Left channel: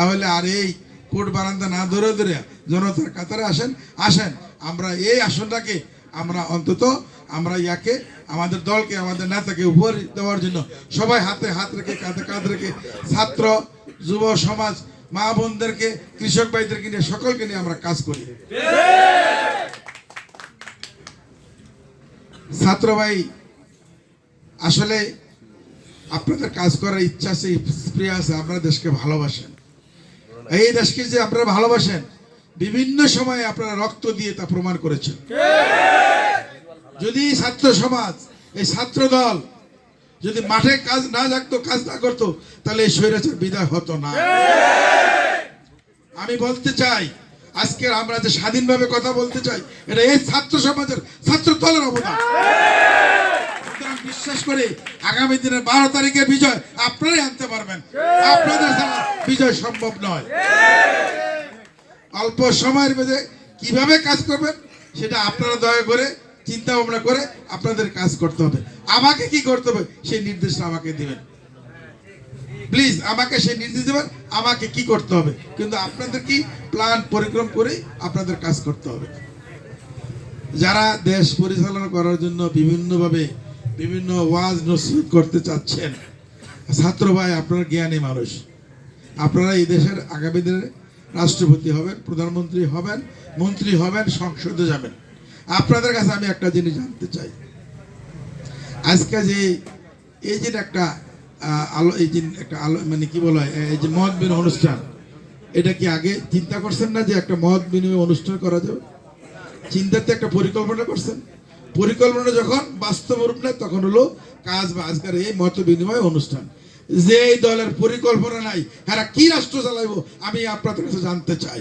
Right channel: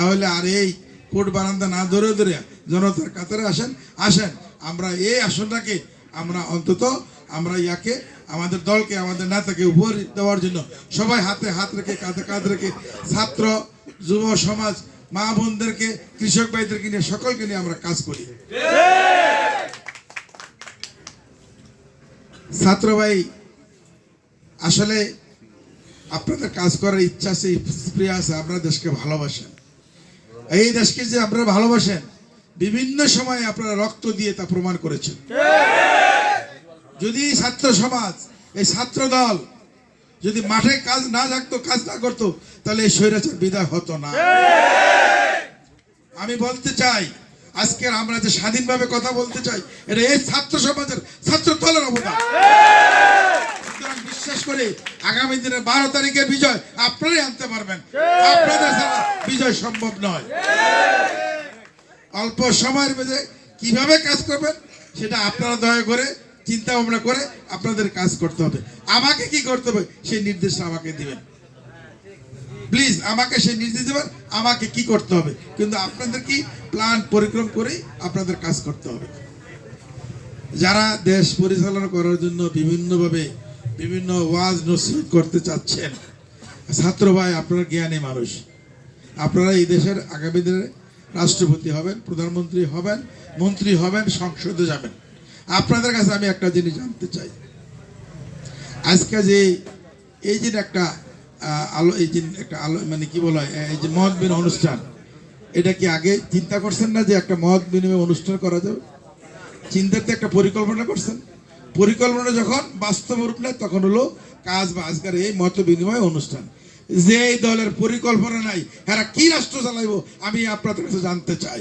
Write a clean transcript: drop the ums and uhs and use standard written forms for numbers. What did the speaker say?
তাহলে আর এই কোর্ট বারান্দা না ধরে ধরে জনতার কাতারে আসেন আমরা এই আসনটাকে আমরা অন্তত আমরা ইয়াকে আমাদের দলকে আমাদের নেতাকে উপহার দেওয়ার জন্য সবাই হাতে হাত রেখে কাঁধে কাঁধ রেখে ছাত্র যুব সমাজ মা বোনদেরকে কৃষক ভাইদেরকে নিয়ে সকলকে নিয়ে আমরা কাজ করি। ছাত্র ভাই আসলে আপনাদের কাজ করার ইচ্ছা আছে, স্প্রিয় আছে, আপনারা দেশকে ভালোবাসেন। এই দেশকে যে আপনারা ভালোবাসেন বিভিন্ন সময়ে আপনারা রক্ত দিয়ে তা প্রমাণ করেছেন। যদি ছাত্র সমাজ এই ছাত্র দল যদি মাঠে কাজ না থাকতো, কাজ না করতো, তাহলে এই স্বৈরাচার বিদায় হতো না। আমি বলতে চাই আজকের আমরা যে স্বাধীনভাবে কথা বলতে চাই এটা এই ছাত্র সমাজের ছাত্র দলের অবদান। বিশ্বাস করে আগামী দিনের 12 তারিখের বিজয় আপনারাই আনতে পারবেন, আপনাদের ছাড়া বিজয় সম্ভব নয়। অল্প সময়ের মধ্যে কিভাবে কাজ করবেন সেটা আপনারা দয়া করে চিন্তা ভাবনা করে আপনাদের কাজ করতে হবে। আমাকে কি করতে হবে সেই নির্দেশ আমাকে দিবেন, প্লিজ আমাকে সেই নির্দেশ দেবেন আমাকে কি করতে হবে, কিন্তু আপনাদের কি প্ল্যান পরিক্রম করে আপনাদের কাজ করতে হবে। যারা দেশ পরিচালনা করার জন্য বিভিন্নভাবে বিভিন্ন ওয়াজ নসিহত করতে চাচ্ছেন, ছাত্র ভাই আপনারা জ্ঞানী মানুষ, আপনারা এই দেশের আগামী দিনে রাষ্ট্রপতি হবেন, প্রধানমন্ত্রী হবেন, মন্ত্রী হবেন, সংসদে যাবেন। আপনাদের কাছে আমি একটা জিনিস জানতে চাই, আজকে যে এই যে একটা আলো এই যে একটা আলো মানে কি বলা হয় এই যে মত বিনিময় অনুষ্ঠান, এটা কি আগে চিন্তা করছেন না যে একটা মত বিনিময় অনুষ্ঠান করা যাবে? চিন্তাতে একটা পরিকল্পনা করছেন, পরিকল্পনা যখন বাস্তব রূপ নেয় তখন হলো কাজ বা আজকের এই মত বিনিময় অনুষ্ঠান। যে দলের পরিকল্পনা নাই এরা কি রাষ্ট্র চালাইবো আমি আপনাদের কাছে জানতে চাই।